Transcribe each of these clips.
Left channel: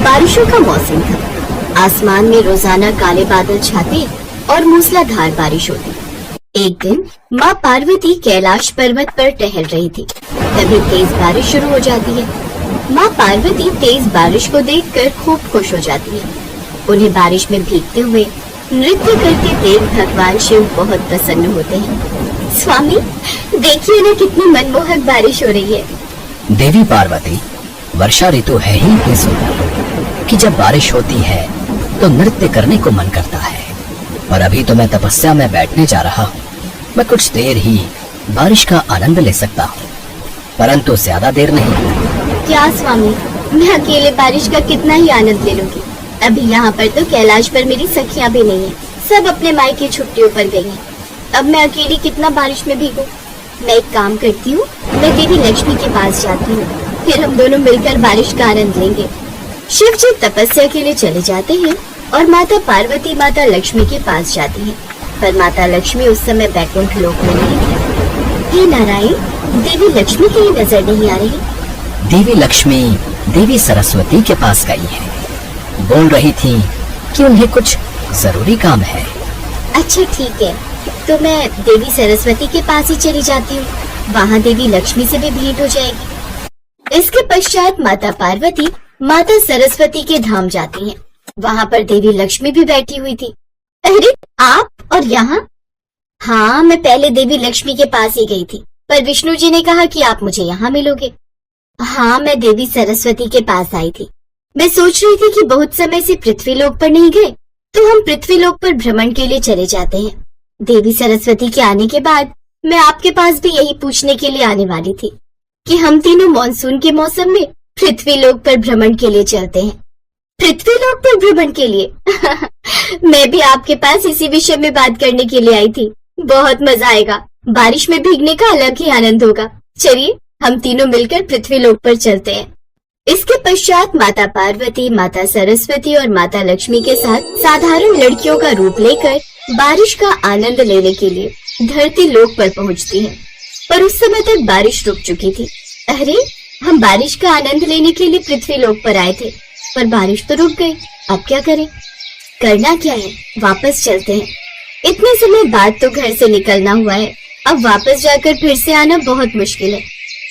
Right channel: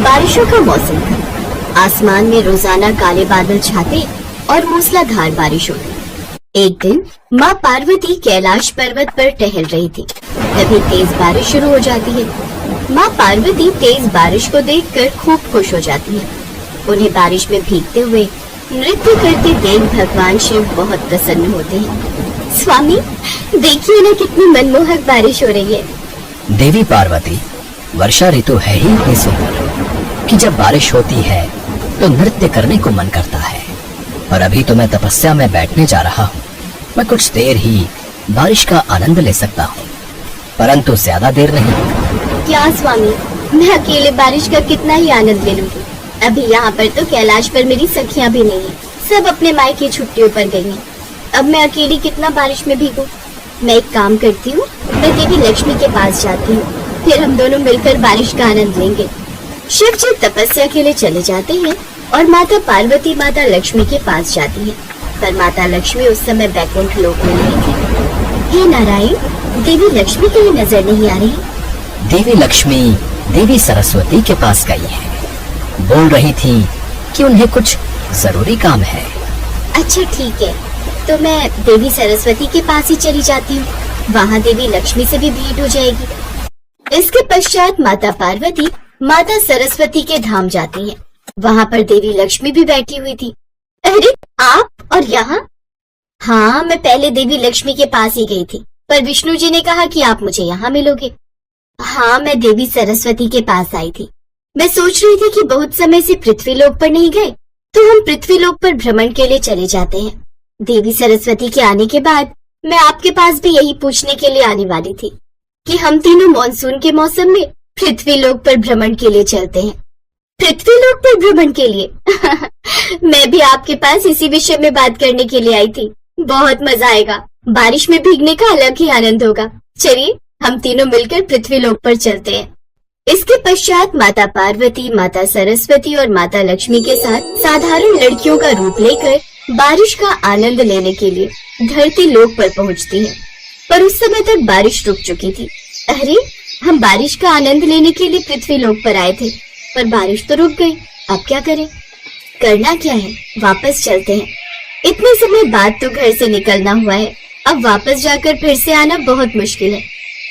बारिशों का मौसम था। आसमान में रोजाना काले बादल छाते और मूसलाधार बारिश होती। एक दिन माँ पार्वती कैलाश पर्वत पर टहल रही थी। तभी तेज बारिश शुरू हो जाती है। माँ पार्वती तेज बारिश को देखकर खूब खुश हो जाती है। उन्हें बारिश में भीगते हुए नृत्य करते देख भगवान शिव बहुत प्रसन्न होते हैं। स्वामी, देखिए ना कितनी मनमोहक बारिश हो रही है। देवी पार्वती, वर्षा ऋतु है ही इतनी सुंदर कि जब बारिश होती है तो नृत्य करने को मन करता है। और अभी तो मैं तपस्या में बैठने जा रहा हूँ। मैं कुछ देर ही बारिश का आनंद ले सकता हूँ, परंतु ज्यादा देर नहीं। क्या स्वामी, मैं अकेले बारिश का कितना ही आनंद ले लूंगी। अभी यहाँ पर तो कैलाश पर मेरी सखियाँ भी नहीं है। सब अपने मायके छुट्टियों पर गई हैं। अब मैं अकेली कितना बारिश में भीगूं। मैं एक काम करती हूँ, मैं देवी लक्ष्मी के पास जाती हूँ, फिर हम दोनों मिलकर बारिश का आनंद लेंगे। शिव जी तपस्या के लिए चले जाते हैं और माता पार्वती माता लक्ष्मी के पास जाती है। पर माता लक्ष्मी उस समय बैकुंठ लोक में नहीं थी। हे नारायण, देवी लक्ष्मी कहीं नजर नहीं आ रही। देवी लक्ष्मी देवी सरस्वती के पास गई है। बोल रही थी कि उन्हें कुछ जरूरी काम है। अच्छा ठीक है, तो मैं देवी सरस्वती के पास ही चली जाती हूँ। वहाँ देवी लक्ष्मी से भी भेंट हो जाएगी। इसके पश्चात माता पार्वती माता सरस्वती के धाम जाती हैं। वहाँ पर देवी लक्ष्मी भी बैठी हुई थी। अरे आप और यहाँ? हाँ, मैं पहले देवी लक्ष्मी के पास ही गई थी, पर विष्णु जी ने कहा कि आप मुझे यहाँ मिलोगे। हाँ, मैं देवी सरस्वती के पास आई थी। मैं सोच रही थी कि बहुत समय से पृथ्वी लोक पर नहीं गए, तो हम पृथ्वी लोक पर भ्रमण के लिए चले जाते हैं। देवी सरस्वती के आने के बाद मैं आपके पास भी यही पूछने के लिए आने वाली थी कि हम तीनों मॉनसून के मौसम में पृथ्वी लोक पर भ्रमण के लिए चलते हैं। पृथ्वी लोक पर भ्रमण के लिए? मैं भी आपके पास इसी विषय में बात करने के लिए आई थी। बहुत मजा आएगा। बारिश में भीगने का अलग ही आनंद होगा। चलिए हम तीनों मिलकर पृथ्वी लोक पर चलते हैं। इसके पश्चात माता पार्वती, माता सरस्वती और माता लक्ष्मी के साथ साधारण लड़कियों का रूप लेकर बारिश का आनंद लेने के लिए धरती लोक पर पहुंचती है। पर उस समय तक बारिश रुक चुकी थी। अरे, हम बारिश का आनंद लेने के लिए पृथ्वी लोक पर आए थे, पर बारिश तो रुक गई। अब क्या करें? करना क्या है? वापस चलते हैं। इतने समय बाद तो घर से निकलना हुआ है। अब वापस जाकर फिर से आना बहुत मुश्किल है।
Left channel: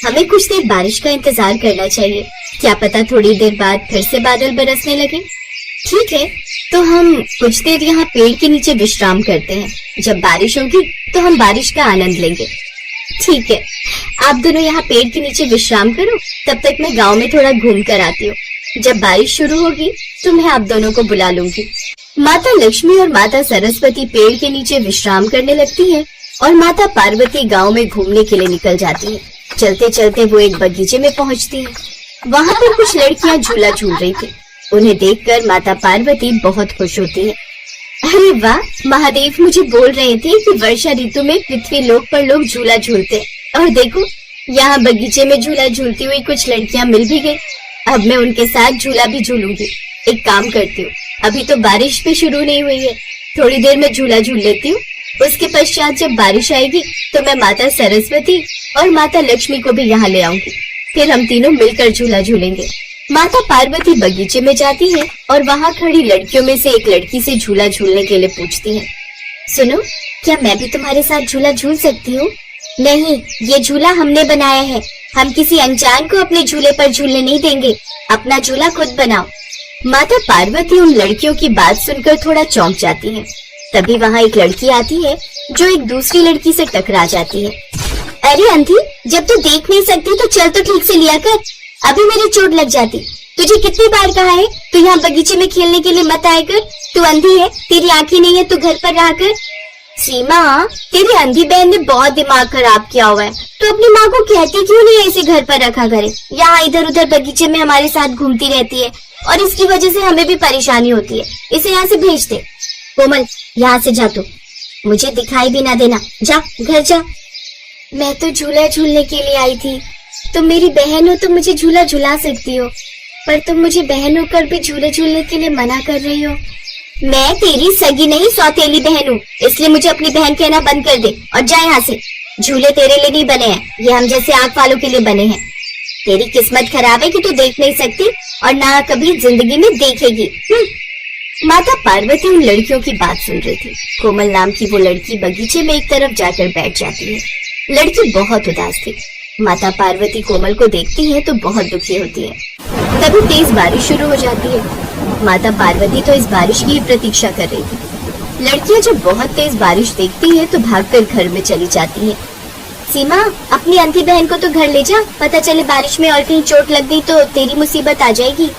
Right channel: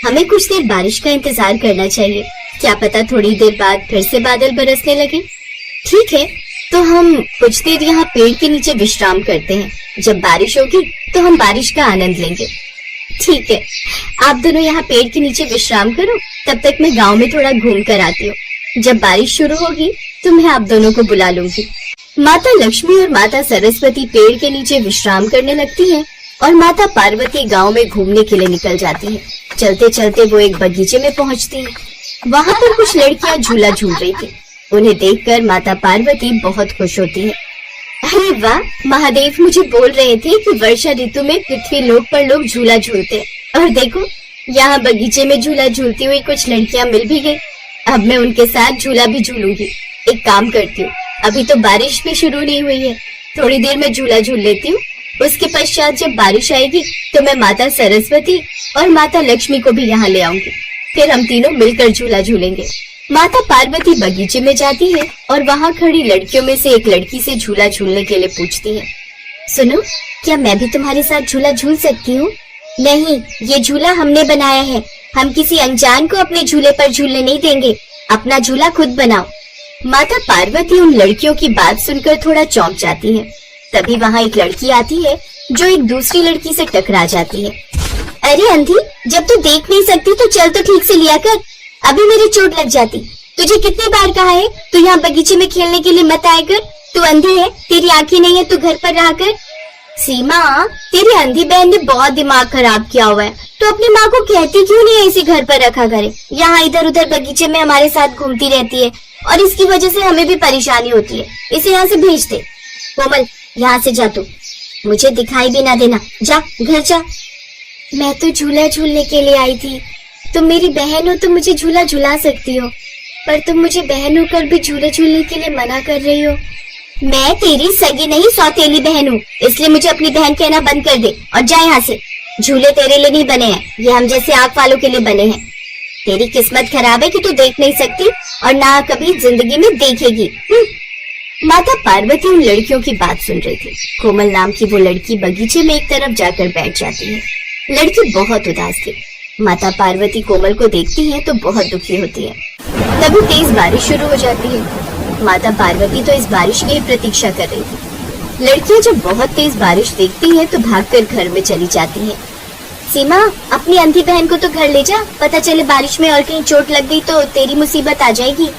हमें कुछ देर बारिश का इंतजार करना चाहिए। क्या पता थोड़ी देर बाद फिर से बादल बरसने लगे। ठीक है, तो हम कुछ देर यहाँ पेड़ के नीचे विश्राम करते हैं। जब बारिश होगी तो हम बारिश का आनंद लेंगे। ठीक है, आप दोनों यहाँ पेड़ के नीचे विश्राम करो, तब तक मैं गांव में थोड़ा घूम कर आती हूँ। जब बारिश शुरू होगी तो मैं आप दोनों को बुला लूंगी। माता लक्ष्मी और माता सरस्वती पेड़ के नीचे विश्राम करने लगती है और माता पार्वती गांव में घूमने के लिए निकल जाती है। चलते चलते वो एक बगीचे में पहुंचती है। वहाँ पर कुछ लड़कियां झूला झूल रही थी। उन्हें देखकर माता पार्वती बहुत खुश होती है। अरे वाह, महादेव मुझे बोल रहे थे कि वर्षा ऋतु में पृथ्वी लोक पर लोग झूला झूलते हैं। और देखो, यहाँ बगीचे में झूला झूलती हुई कुछ लड़कियां मिल भी गई। अब मैं उनके साथ झूला भी झूलूंगी। एक काम करती हूँ, अभी तो बारिश भी शुरू नहीं हुई है, थोड़ी देर में झूला झूल लेती हूँ। उसके पश्चात जब बारिश आएगी तो मैं माता सरस्वती और माता लक्ष्मी को भी यहाँ ले आऊंगी। फिर हम तीनों मिलकर झूला झूलेंगे। माता पार्वती बगीचे में जाती है और वहाँ खड़ी लड़कियों में से एक लड़की से झूला झूलने के लिए पूछती है। सुनो, क्या मैं भी तुम्हारे साथ झूला झूल सकती हूँ? नहीं, ये झूला हमने बनाया है। हम किसी अनजान को अपने झूले पर झूलने नहीं देंगे। अपना झूला खुद बनाओ। माता पार्वती उन लड़कियों की बात सुनकर थोड़ा चौंक जाती है। तभी वहाँ एक लड़की आती है जो एक दूसरी लड़की से टकरा जाती है। अरे अंधी, जब तू देख नहीं सकती तो चल तो ठीक से लिया कर। अभी मेरी चोट लग जाती। तुझे कितनी बार कहा है तू यहाँ बगीचे में खेलने के लिए मत आया कर। तू अंधी है, तेरी आंखें नहीं है, तू घर पर रहा कर। सीमा, तेरी अंधी बहन ने बहुत दिमाग खराब किया हुआ है। तो अपनी माँ को कहती क्यों नहीं ऐसे घर पर रखा करे? यहाँ इधर उधर बगीचे में हमारे साथ घूमती रहती है और इसकी वजह से हमें भी परेशानी होती है। इसे यहाँ से भेज दे। कोमल, यहाँ से जा, तू मुझे दिखाई भी ना देना। जा, घर जा। मैं तो झूला झूलने के लिए आई थी। तुम मेरी बहन हो तो मुझे झूला झुला सकती हो, पर तुम मुझे बहन होकर भी झूले झूलने के लिए मना कर रही हो। मैं तेरी सगी नहीं, सौतेली बहन हूँ, इसलिए मुझे अपनी बहन कहना बंद कर दे और जा यहाँ से। झूले तेरे लिए नहीं बने हैं, ये हम जैसे आंख वालों के लिए बने हैं। तेरी किस्मत खराब है कि तू देख नहीं सकती। और ना कभी जिंदगी में देखेगी। माता पार्वती उन लड़कियों की बात सुन रही थी। कोमल नाम की वो लड़की बगीचे में एक तरफ जाकर बैठ जाती है। लड़की बहुत उदास थी। माता पार्वती कोमल को देखती है तो बहुत दुखी होती है। तभी तेज बारिश शुरू हो जाती है। माता पार्वती तो इस बारिश की प्रतीक्षा कर रही थी। लड़कियां जब बहुत तेज बारिश देखती हैं तो भागकर घर में चली जाती हैं। सीमा, अपनी अंधी बहन को तो घर ले जा, पता चले बारिश में और कहीं चोट लग गई तो तेरी मुसीबत आ जाएगी।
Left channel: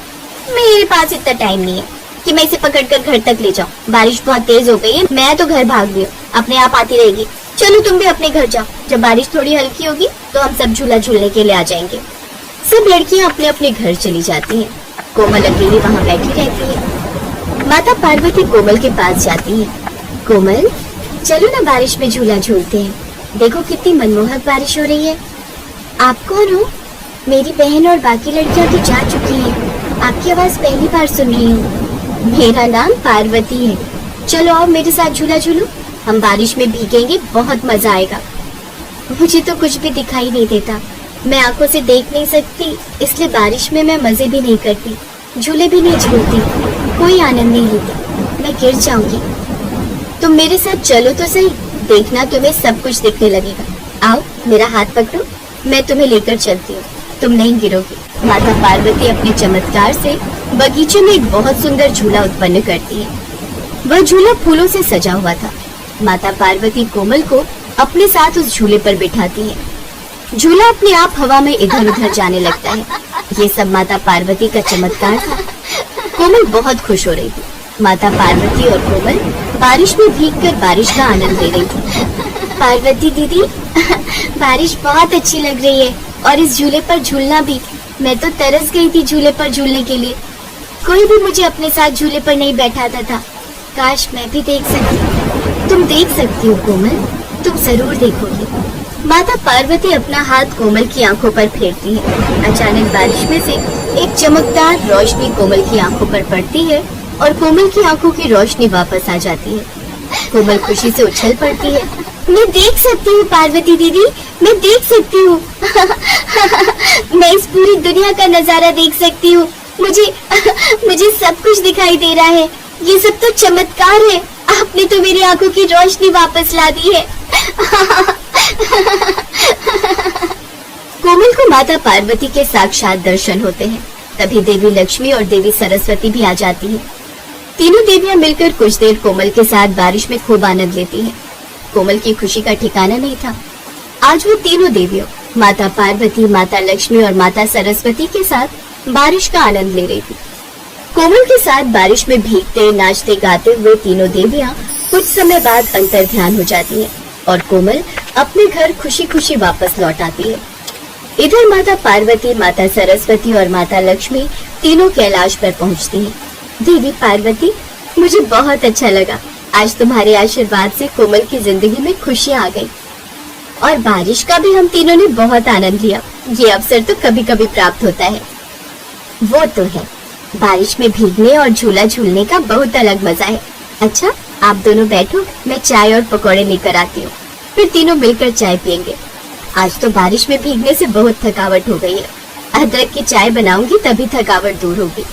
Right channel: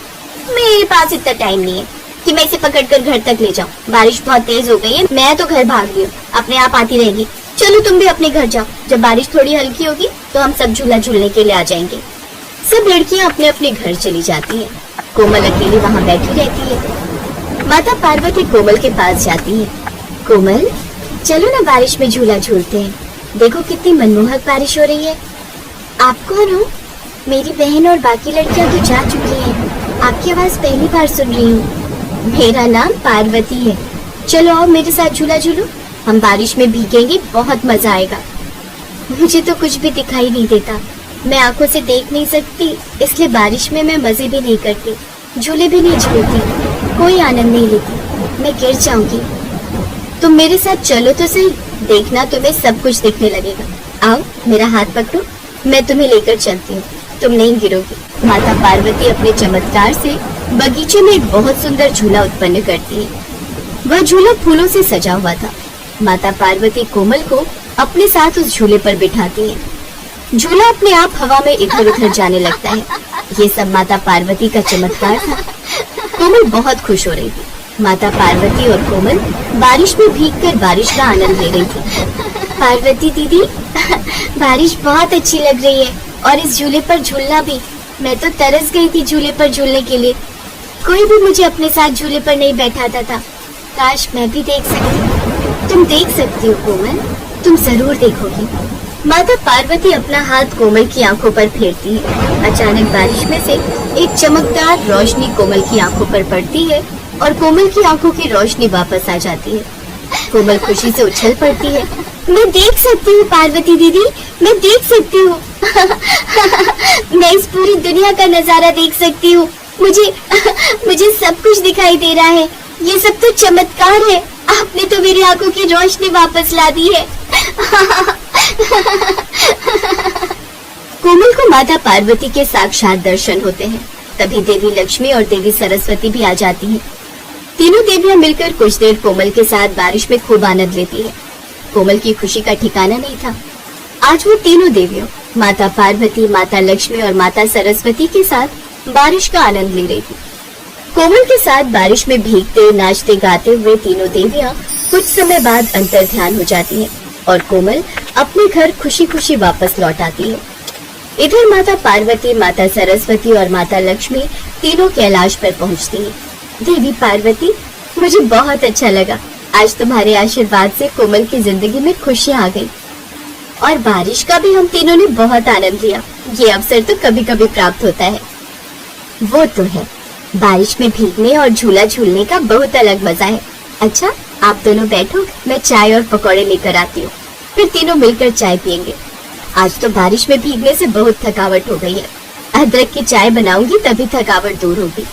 मेरे पास इतना टाइम नहीं है कि मैं इसे पकड़कर घर तक ले जाऊं। बारिश बहुत तेज हो गई है, मैं तो घर भाग रही हूँ, अपने आप आती रहेगी। चलो तुम भी अपने घर जाओ, जब बारिश थोड़ी हल्की होगी तो हम सब झूला झूलने के लिए आ जाएंगे। सब लड़कियां अपने अपने घर चली जाती हैं। कोमल अकेली वहाँ बैठी रहती है। माता पार्वती कोमल के पास जाती है। कोमल, चलो ना बारिश में झूला झूलते हैं, देखो कितनी मनमोहक बारिश हो रही है। आप कौन हो? मेरी बहन और बाकी लड़कियां तो जा चुकी हैं, आपकी आवाज पहली बार सुन रही हूँ। मेरा नाम पार्वती है, चलो आओ मेरे साथ झूला झूलो, हम बारिश में भीगेंगे, बहुत मजा आएगा। मुझे तो कुछ भी दिखाई नहीं देता, मैं आंखों से देख नहीं सकती, इसलिए बारिश में मैं मजे भी नहीं करती, झूले भी नहीं झूलती, कोई आनंद नहीं लेती, मैं गिर जाऊंगी। तुम मेरे साथ चलो तो सही, देखना तुम्हें सब कुछ दिखने लगेगा। आओ मेरा हाथ पकड़ो, मैं तुम्हें लेकर चलती हूँ, तुम नहीं गिरोगी। माता पार्वती अपने चमत्कार से बगीचे में एक बहुत सुंदर झूला उत्पन्न करती है। वह झूला फूलों से सजा हुआ था। माता पार्वती कोमल को अपने साथ उस झूले पर बिठाती है। झूला अपने आप हवा में इधर उधर जाने लगता है। ये सब माता पार्वती का चमत्कार था। कोमल बहुत खुश हो रही थी। माता पार्वती और कोमल बारिश में भीगकर बारिश का आनंद ले रही थी। पार्वती दीदी, बारिश बहुत अच्छी लग रही है और इस झूले पर झूलना भी। मैं तो तरस गई थी झूले पर झूलने के लिए, कोई भी मुझे अपने साथ झूले पर नहीं बैठाता था। काश मैं भी देख सकती। तुम देख सकती हो कोमल, तुम जरूर देखोगी। माता पार्वती अपना हाथ कोमल की आंखों पर फेरती है। अचानक बारिश में से एक चमकदार रोशनी कोमल की आंखों पर पड़ती है और कोमल की आंखों की रोशनी वापस आ जाती है। कोमल खुशी से उछल पड़ती है। मैं देख सकती हूँ पार्वती दीदी, मैं देख सकती हूँ। मैं इस पूरी दुनिया का नजारा देख सकती हूँ। मुझे सब कुछ दिखाई दे रहा है। ये सब तो चमत्कार है। आपने तो मेरी आंखों की रोशनी वापस ला दी है। कोमल को माता पार्वती के साक्षात दर्शन होते हैं। तभी देवी लक्ष्मी और देवी सरस्वती भी आ जाती हैं। तीनों देवियां मिलकर कुछ देर कोमल के साथ बारिश में खूब आनंद लेती हैं। कोमल की खुशी का ठिकाना नहीं था। आज वो तीनों देवियों, माता पार्वती, माता लक्ष्मी और माता सरस्वती के साथ बारिश का आनंद ले रही थी। कोमल के साथ बारिश में भीगते, नाचते, गाते हुए तीनों देवियां कुछ समय बाद अंतर ध्यान हो जाती हैं और कोमल अपने घर खुशी खुशी वापस लौट आती है। इधर माता पार्वती, माता सरस्वती और माता लक्ष्मी तीनों कैलाश पर पहुंचती हैं। देवी पार्वती, मुझे बहुत अच्छा लगा। आज तुम्हारे आशीर्वाद से कोमल की जिंदगी में खुशी आ गई और बारिश का भी हम तीनों ने बहुत आनंद लिया। ये अवसर तो कभी कभी प्राप्त होता है। वो तो है, बारिश में भीगने और झूला झूलने का बहुत अलग मजा है। अच्छा, आप दोनों बैठो, मैं चाय और पकौड़े लेकर आती हूँ, फिर तीनों मिलकर चाय पियेंगे। आज तो बारिश में भीगने से बहुत थकावट हो गई है। अदरक की चाय बनाऊंगी तभी थकावट दूर होगी।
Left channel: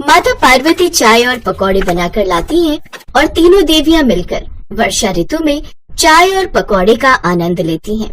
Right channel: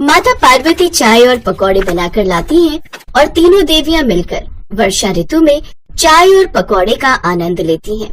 माता पार्वती चाय और पकौड़े बनाकर लाती हैं और तीनों देवियां मिलकर वर्षा ऋतु में चाय और पकौड़े का आनंद लेती हैं।